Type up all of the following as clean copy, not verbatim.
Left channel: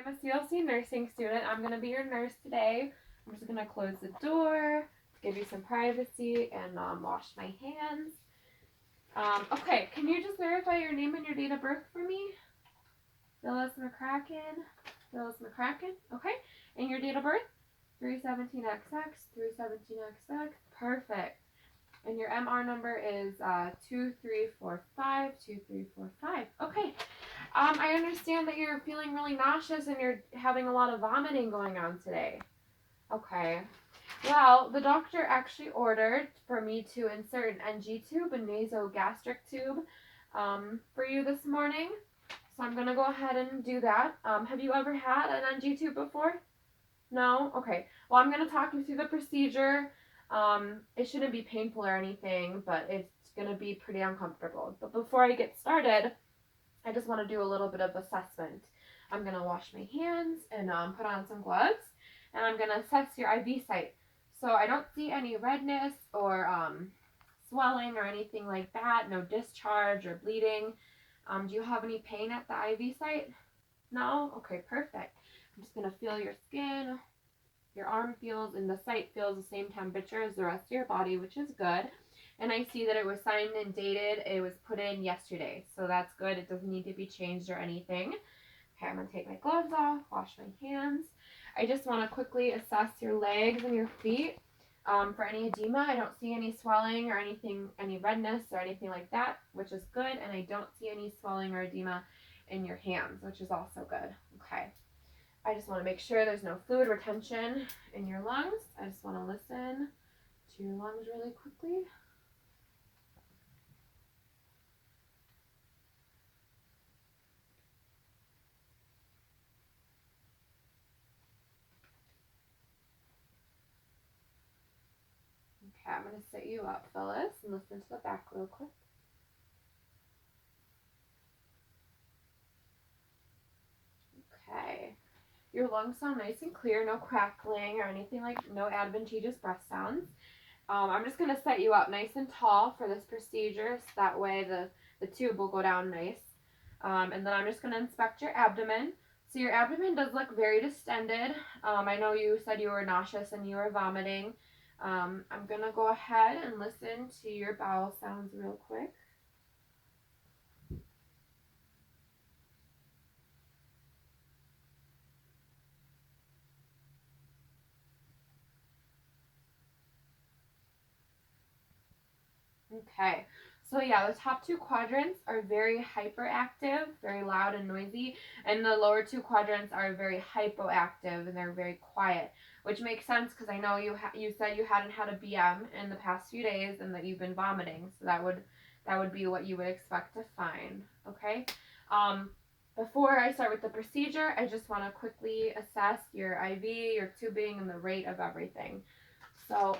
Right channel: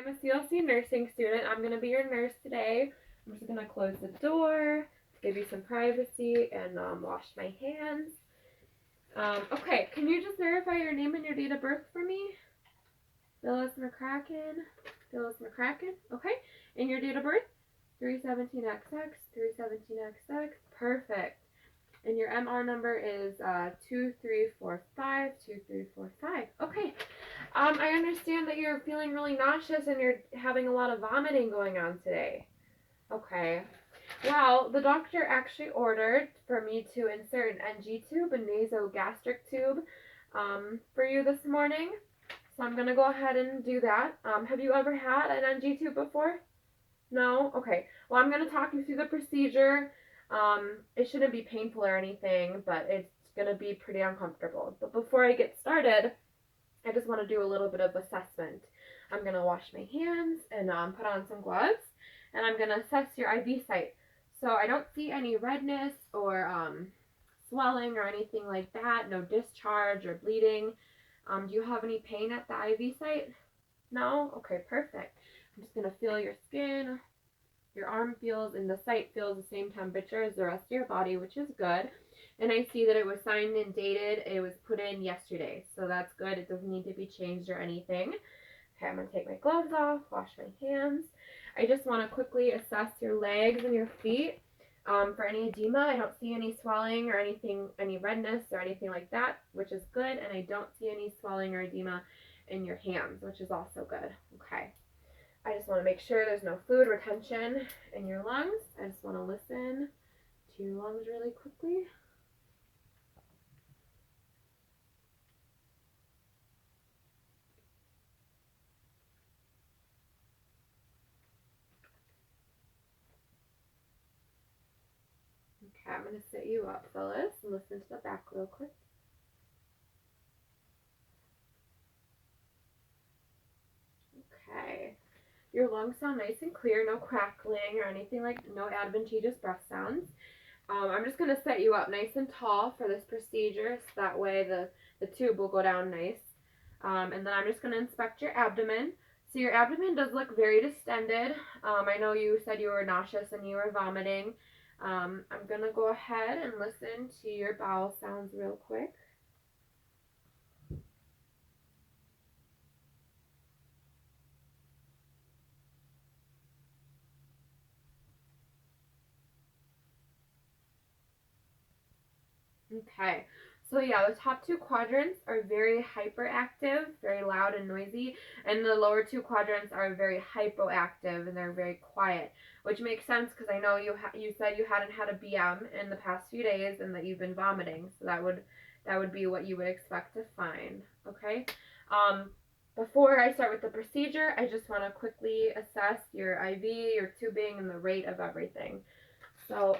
I'm a CLC nursing student. I'm going to be your nurse today. I'm just going to close the door to give you some privacy and wash my hands. Okay, can you just verify your name and your date of birth for me? Phyllis McCracken. Phyllis McCracken. Okay, and your date of birth? 317XX, 317XX. Perfect. And your MR number is 2345, 2345. Okay. I understand that you're feeling really nauseous and you're having a lot of vomiting going on today. Okay. Well, the doctor actually ordered for me to insert an NG tube, a nasogastric tube, for you this morning. So I'm going to go ahead and do that. Have you ever had an NG tube before? No? Okay. Well, I'm going to talk you through the procedure. It shouldn't be painful or anything, but it's going to be pretty uncomfortable. But before I get started, I just want to do a little bit of assessment. I'm going to wash my hands and put on some gloves, and I'm going to assess your IV site. So I don't see any redness or swelling or anything like that, no discharge or bleeding. Do you have any pain at the IV site? No? Okay, perfect. I'm just going to feel your skin. Your arm feels and the site feels the same temperature as the rest of your body, which is good. And I see that it was signed and dated. It was put in yesterday, so that's good. It doesn't need to be changed or anything. Okay, I'm going to take my gloves off, wash my hands. I just want to quickly assess your legs and your feet for any edema. I don't see any swelling or anything, any redness or anything like that, which is good. And I don't see any swelling or edema in your hands, which is also good. Okay. I just want to make sure there's no fluid retention in your lungs. I just want to listen to your lungs really quickly. Okay, I'm going to sit you up, Phyllis, and listen to the back real quick. Okay. Your lungs sound nice and clear, no crackling or anything like, no adventitious breath sounds. I'm just going to set you up nice and tall for this procedure, so that way the tube will go down nice. And then I'm just going to inspect your abdomen. So your abdomen does look very distended. I know you said you were nauseous and you were vomiting. I'm going to go ahead and listen to your bowel sounds real quick. Okay, so yeah, the top two quadrants are very hyperactive, very loud and noisy, and the lower two quadrants are very hypoactive and they're very quiet, which makes sense because I know you said you hadn't had a BM in the past few days and that you've been vomiting, so that would be what you would expect to find. Okay, before I start with the procedure, I just want to quickly assess your IV, your tubing, and the rate of everything. So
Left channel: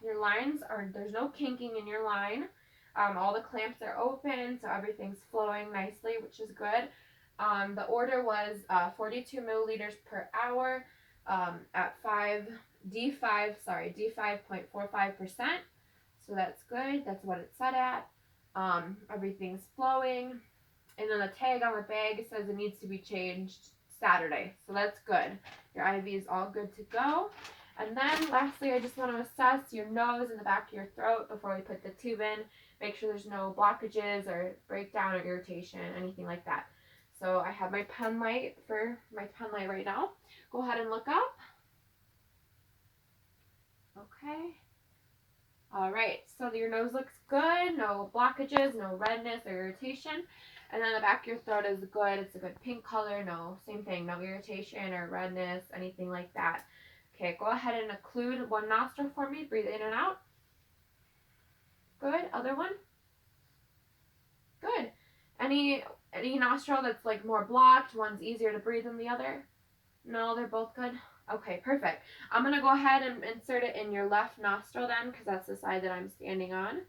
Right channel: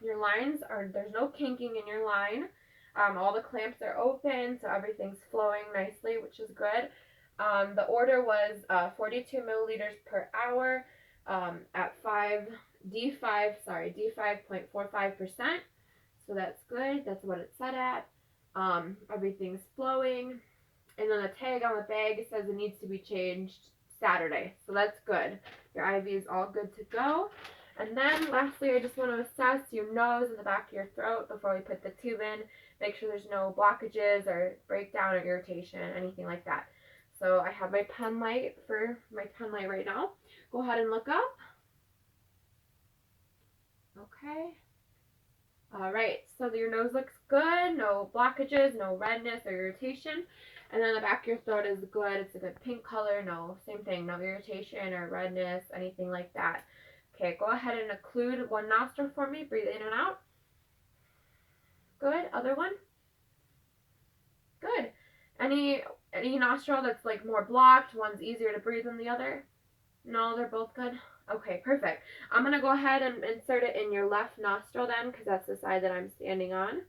your lines there's no kinking in your line. All the clamps are open, so everything's flowing nicely, which is good. The order was 42 milliliters per hour at D5.45%. So that's good. That's what it's set at. Everything's flowing. And then the tag on the bag says it needs to be changed Saturday. So that's good. Your IV is all good to go. And then lastly, I just want to assess your nose and the back of your throat before we put the tube in. Make sure there's no blockages or breakdown or irritation, anything like that. So I have my pen light right now. Go ahead and look up. Okay. All right, so your nose looks good, no blockages, no redness or irritation. And then the back of your throat is good. It's a good pink color. No, same thing, no irritation or redness, anything like that. Okay, go ahead and occlude one nostril for me. Breathe in and out. Good. Other one. Good. Any nostril that's like more blocked, one's easier to breathe than the other? No, they're both good. Okay, perfect. I'm going to go ahead and insert it in your left nostril then, because that's the side that I'm standing on.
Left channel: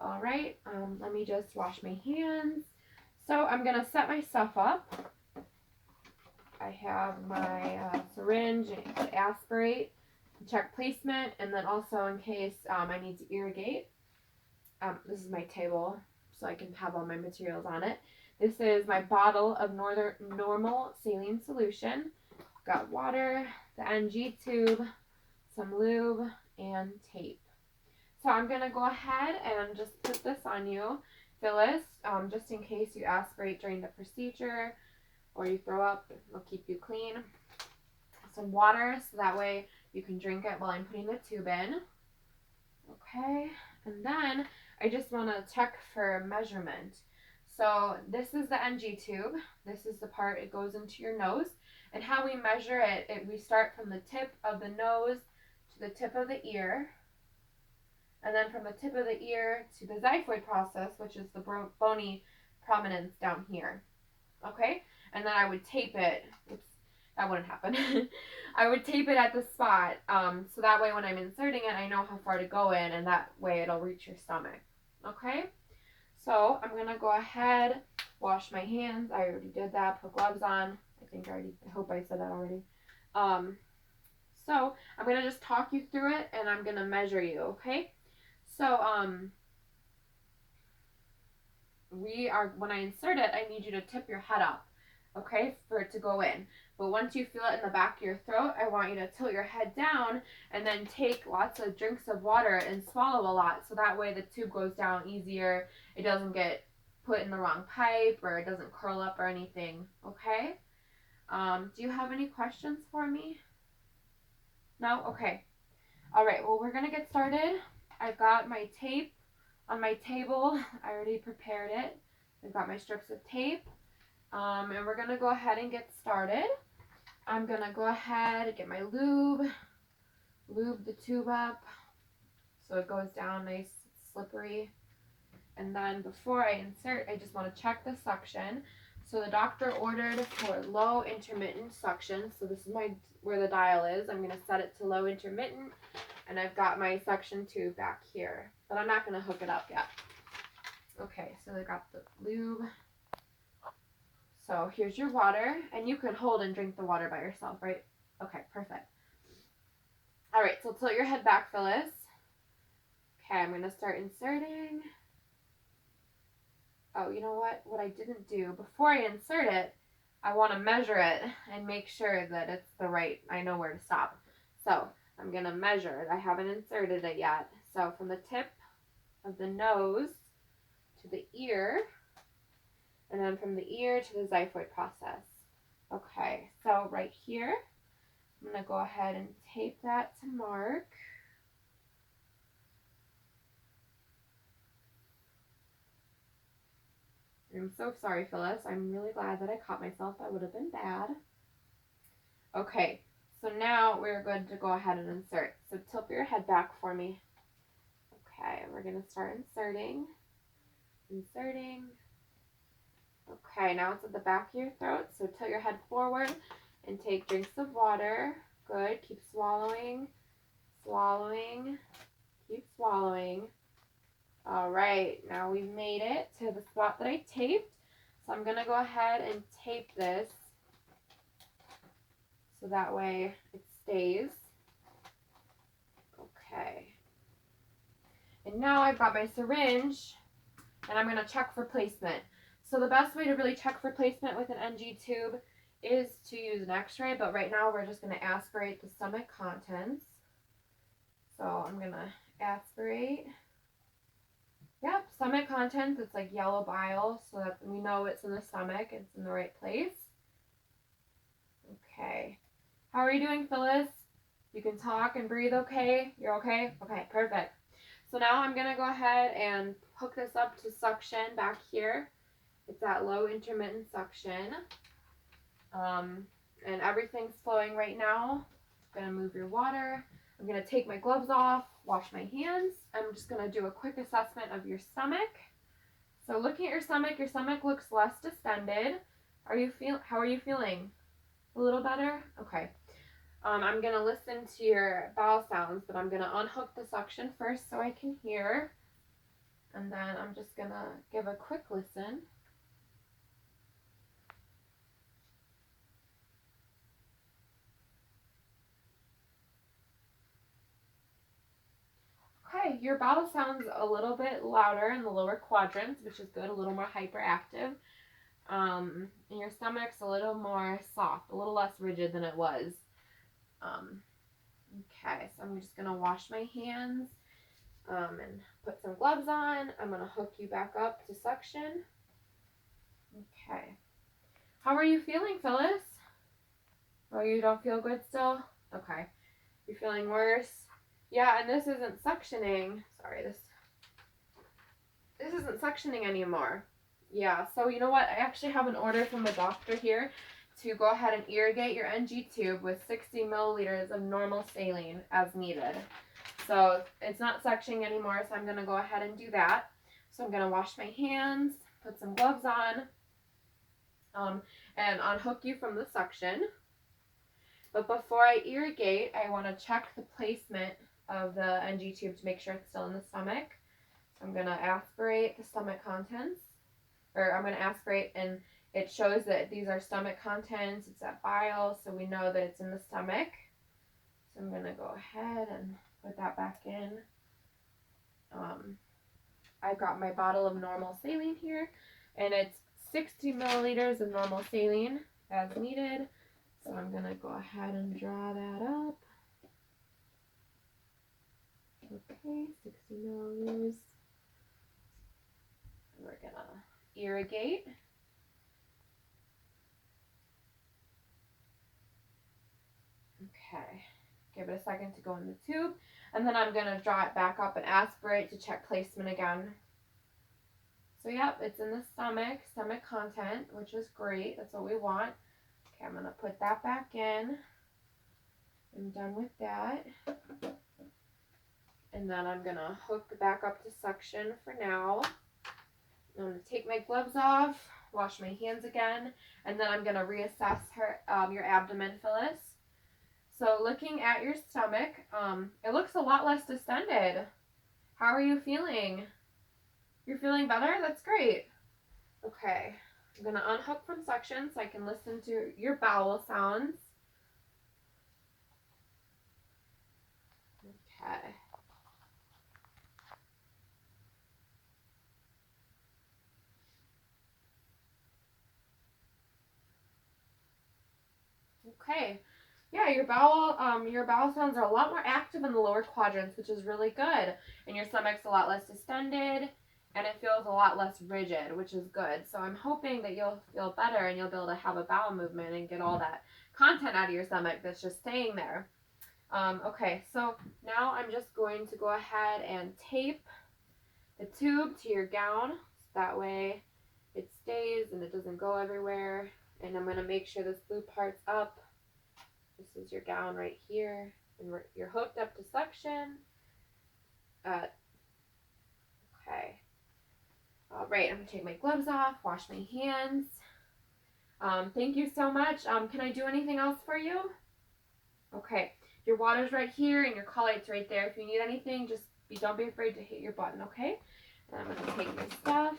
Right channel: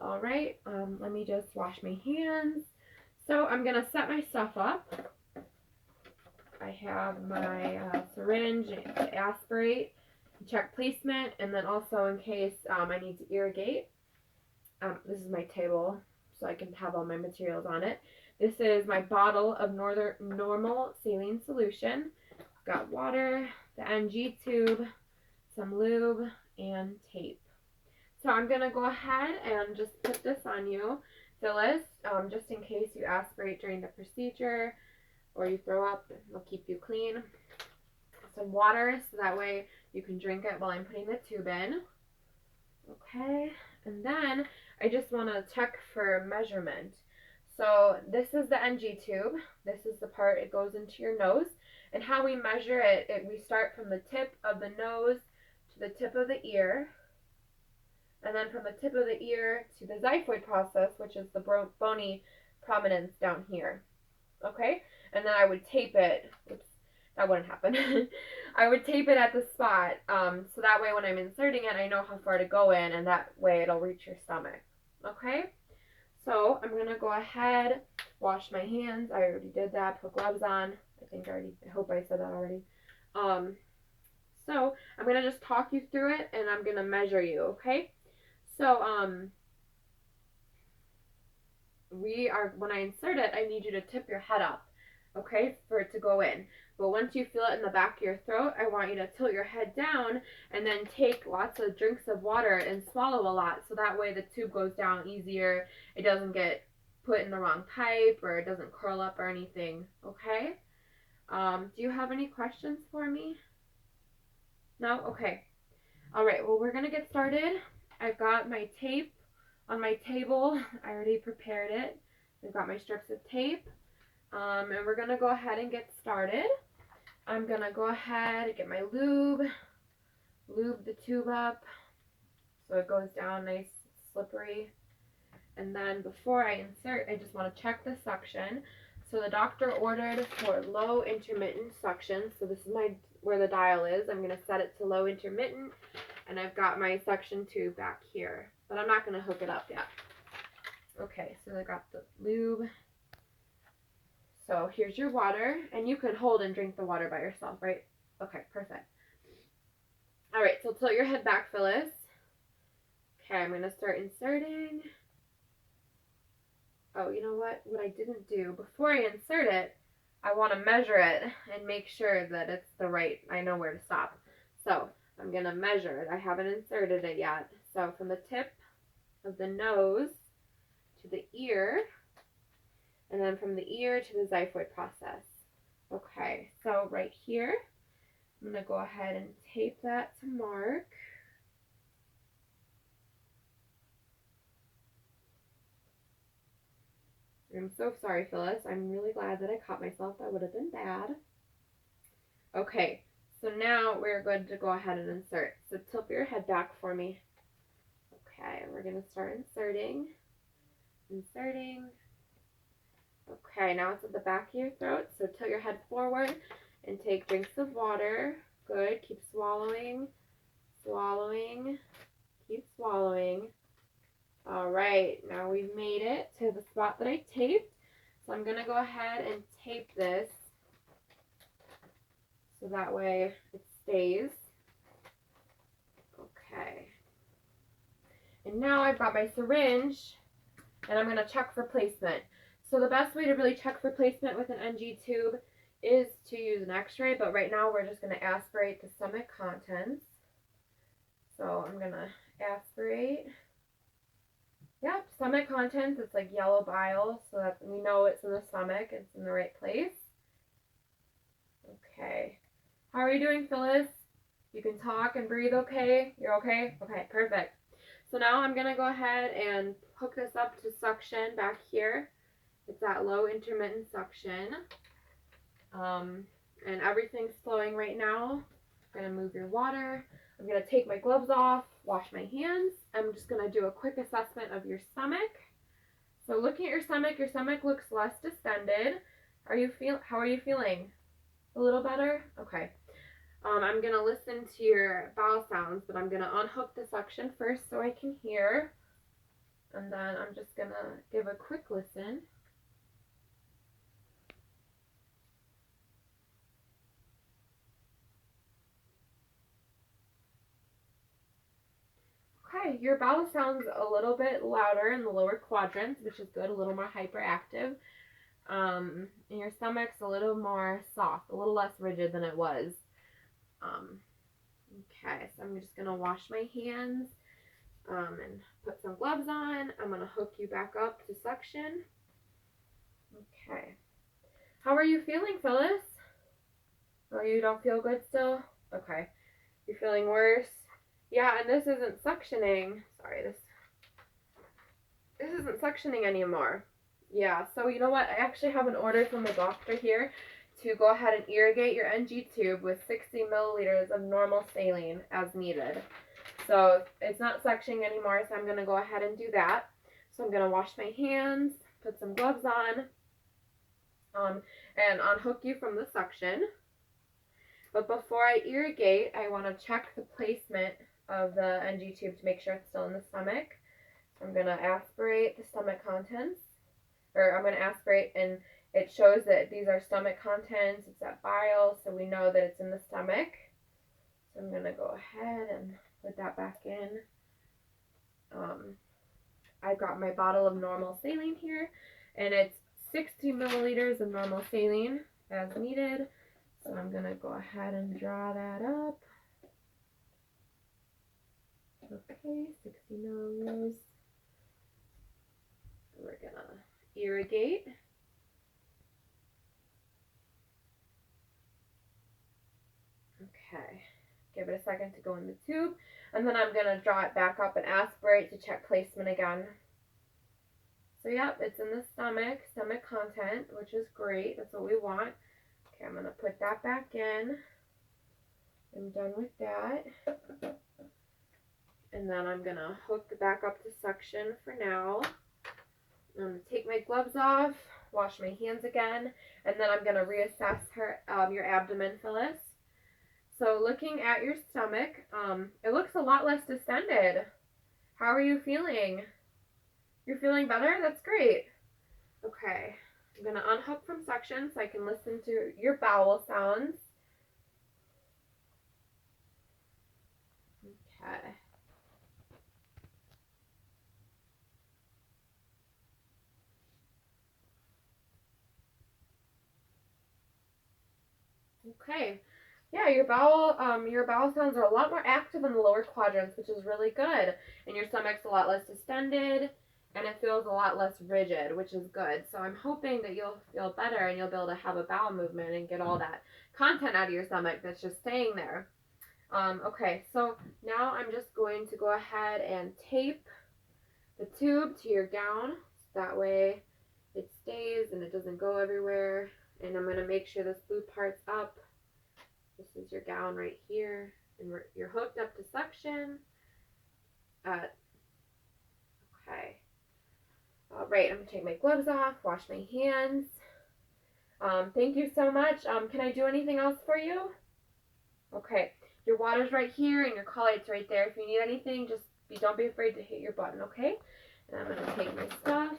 All right, let me just wash my hands. So I'm going to set my stuff up. I have my syringe to aspirate, check placement, and then also in case I need to irrigate. This is my table, so I can have all my materials on it. This is my bottle of normal saline solution. Got water, the NG tube, some lube, and tape. So I'm going to go ahead and just put this on you, Phyllis, just in case you aspirate during the procedure or you throw up. It'll keep you clean. Some water so that way you can drink it while I'm putting the tube in. Okay, and then I just want to check for measurement. So this is the NG tube. This is the part it goes into your nose. And how we measure it, we start from the tip of the nose to the tip of the ear. And then from the tip of the ear to the xiphoid process, which is the bony prominence down here. Okay? And then I would tape it. Oops, that wouldn't happen. I would tape it at the spot. So that way when I'm inserting it, I know how far to go in, and that way it'll reach your stomach. Okay? So I'm going to go ahead, wash my hands. I already did that. Put gloves on. I hope I said that already. So I'm going to just talk you through it, and I'm going to measure you, okay? So, when I insert it, I need you to tip your head up, okay, for it to go in. But once you feel it in the back of your throat, I want you to tilt your head down and then take lots of drinks of water and swallow a lot. So that way the tube goes down easier. It doesn't get put in the wrong pipe or it doesn't curl up or anything, okay? Do you have any questions for me? No? Okay. All right, well, we're going to get started. I've got my tape on my table. I already prepared it. I've got my strips of tape. And we're going to go ahead and get started. I'm going to go ahead and get my lube the tube up so it goes down nice, slippery. And then before I insert, I just want to check the suction. So the doctor ordered for low intermittent suction. So this is where the dial is. I'm going to set it to low intermittent. And I've got my suction tube back here, but I'm not going to hook it up yet. Okay, so I got the lube. So here's your water, and you can hold and drink the water by yourself, right? Okay, perfect. All right, so tilt your head back, Phyllis. Okay, I'm going to start inserting. Oh, you know what? What I didn't do, before I insert it, I want to measure it and make sure that it's I know where to stop. So I'm going to measure it. I haven't inserted it yet. So from the tip of the nose to the ear, and then from the ear to the xiphoid process. Okay, so right here, I'm going to go ahead and tape that to mark. I'm so sorry, Phyllis. I'm really glad that I caught myself. That would have been bad. Okay, so now we're good to go ahead and insert. So tilt your head back for me. Okay, we're going to start inserting. Okay, now it's at the back of your throat, so tilt your head forward and take drinks of water. Good, keep swallowing, keep swallowing. All right, now we've made it to the spot that I taped. So I'm going to go ahead and tape this so that way it stays. Okay. And now I've got my syringe, and I'm going to check for placement. So the best way to really check for placement with an NG tube is to use an x-ray, but right now we're just going to aspirate the stomach contents. So I'm going to aspirate. Yep, stomach contents, it's like yellow bile, so that we know it's in the stomach, it's in the right place. Okay. How are you doing, Phyllis? You can talk and breathe okay? You're okay? Okay, perfect. So now I'm going to go ahead and hook this up to suction back here. It's that low intermittent suction. And everything's flowing right now. I'm going to move your water. I'm going to take my gloves off, wash my hands. I'm just going to do a quick assessment of your stomach. So looking at your stomach looks less distended. How are you feeling? A little better? Okay. I'm going to listen to your bowel sounds, but I'm going to unhook the suction first so I can hear. And then I'm just going to give a quick listen. Okay, your bowel sounds a little bit louder in the lower quadrants, which is good, a little more hyperactive. and your stomach's a little more soft, a little less rigid than it was. Okay, so I'm just gonna wash my hands and put some gloves on. I'm gonna hook you back up to suction. Okay. How are you feeling, Phyllis? Oh, you don't feel good still? Okay. You're feeling worse? Yeah, and this isn't suctioning. Sorry, this isn't suctioning anymore. Yeah, so you know what? I actually have an order from the doctor here to go ahead and irrigate your NG tube with 60 milliliters of normal saline as needed. So it's not suctioning anymore, so I'm going to go ahead and do that. So I'm going to wash my hands, put some gloves on, and unhook you from the suction. But before I irrigate, I want to check the placement of the NG tube to make sure it's still in the stomach. So I'm going to aspirate the stomach contents, or I'm going to aspirate, and it shows that these are stomach contents. It's at bile, so we know that it's in the stomach. So I'm going to go ahead and put that back in. I've got my bottle of normal saline here, and it's 60 milliliters of normal saline as needed. So I'm going to go ahead and draw that up. Okay, 60 milliliters. We're going to irrigate. Okay, give it a second to go in the tube, and then I'm going to draw it back up and aspirate to check placement again. So yep, it's in the stomach content, which is great. That's what we want. Okay, I'm going to put that back in. I'm done with that. And then I'm going to hook back up to suction for now. I'm going to take my gloves off, wash my hands again, and then I'm going to reassess your abdomen, Phyllis. So looking at your stomach, it looks a lot less distended. How are you feeling? You're feeling better? That's great. Okay, I'm going to unhook from suction so I can listen to your bowel sounds. Okay. Okay. Yeah, your bowel sounds are a lot more active in the lower quadrants, which is really good. And your stomach's a lot less distended, and it feels a lot less rigid, which is good. So I'm hoping that you'll feel better and you'll be able to have a bowel movement and get all that content out of your stomach that's just staying there. Okay, so now I'm just going to go ahead and tape the tube to your gown. That way it stays and it doesn't go everywhere. And I'm going to make sure this blue part's up. This is your gown right here, and you're hooked up to suction. Okay. All right, I'm gonna take my gloves off, wash my hands. Thank you so much. Can I do anything else for you? Okay, your water's right here, and your collight's right there. If you need anything, just don't be afraid to hit your button, okay? And I'm gonna take my stuff.